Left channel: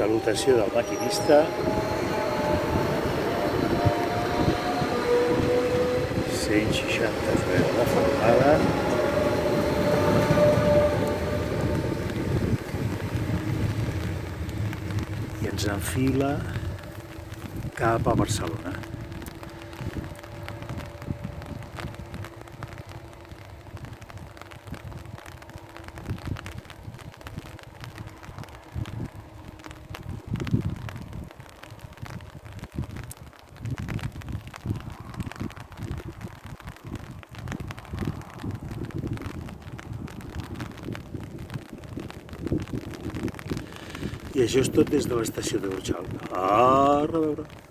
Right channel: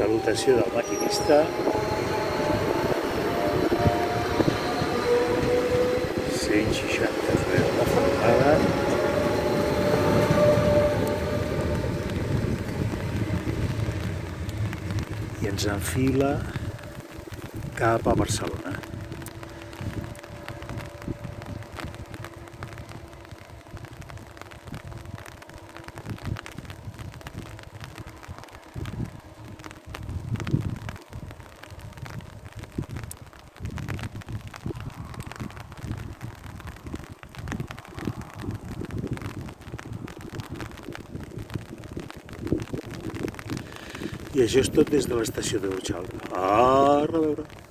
Salutació del maquinista. 160 frens de formada. I ens enfila cap a Barcelona. I això és tot des de l'estació de l'Urgell. A reveure.